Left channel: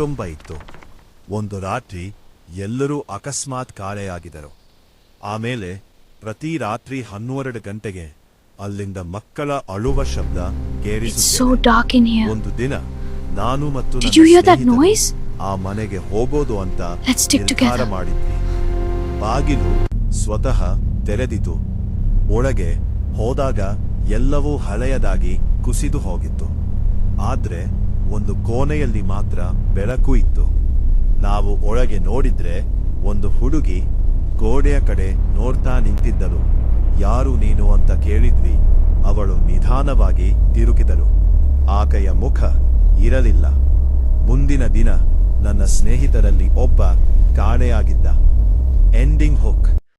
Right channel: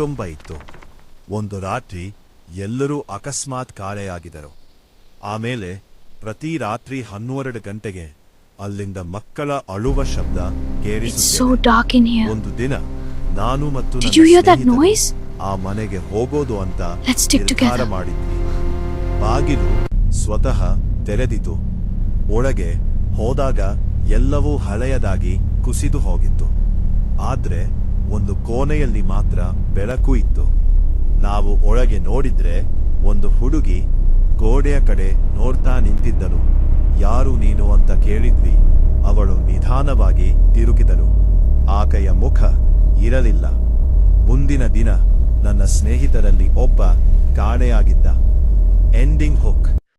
ಕುಟುಂಬ ಇತ್ತು. ಒಂದು ರಾತ್ರಿ ಎಲ್ಲರೂ ಅಕಸ್ಮಾತ್ ಕಾಣೆಯಾಗಿದ್ದರು. ಆಮೇಲೆ ಪ್ರತಿ ರಾತ್ರಿ 12 ಗಂಟೆಗೆ ಅಲ್ಲಿಂದ ಮಕ್ಕಳ ಅಳುವ ಶಬ್ದ ಕೇಳಿಸುತ್ತಿದೆ. ಒಂದು ದಿನ ನಾನು ಮತ್ತು ನನ್ನ ಸ್ನೇಹಿತರು ಆ ಮನೆಗೆ ಹೋಗೋದು ಅಂತ ನಿರ್ಧಾರ ಮಾಡಿದ್ವಿ. ಬಾಗಿಲು ಸ್ವತಃ ತೆರೆದಿತು. ಒಳಗೆ ಹೋದಾಗ ಎಲ್ಲವೂ ಹಳೆಯದಾಗಿ ಕುಸಿದು ಹೋಗಿತ್ತು. ಆದ್ರೆ ಒಂದು ಕೋಣೆಯಲ್ಲಿ ಮಾತ್ರ ಬೆಳಕು ಇತ್ತು. ನಾವು ಒಳಗೆ ನೋಡಿದ್ರೆ ಒಂದು ಹುಡುಗಿ ಗೋಡೆಯ ಕಡೆ ನೋಡ್ತಾ ನಿಂತಿದ್ದಳು. ಯಾರು ನೀನು ಅಂತ ಕೇಳಿದ್ವಿ. ಅವಳು ನಿಧಾನವಾಗಿ ತಿರುಗಿದಳು. ಆಕೆಯ ಮುಖ ಇರಲಿಲ್ಲ. ಮುಂದಿನ ದಿನ ನನ್ನ ಸ್ನೇಹಿತರಲ್ಲಿ ಒಬ್ಬ ಕಾಣೆಯಾಗಿದ್ದ. Ending hook.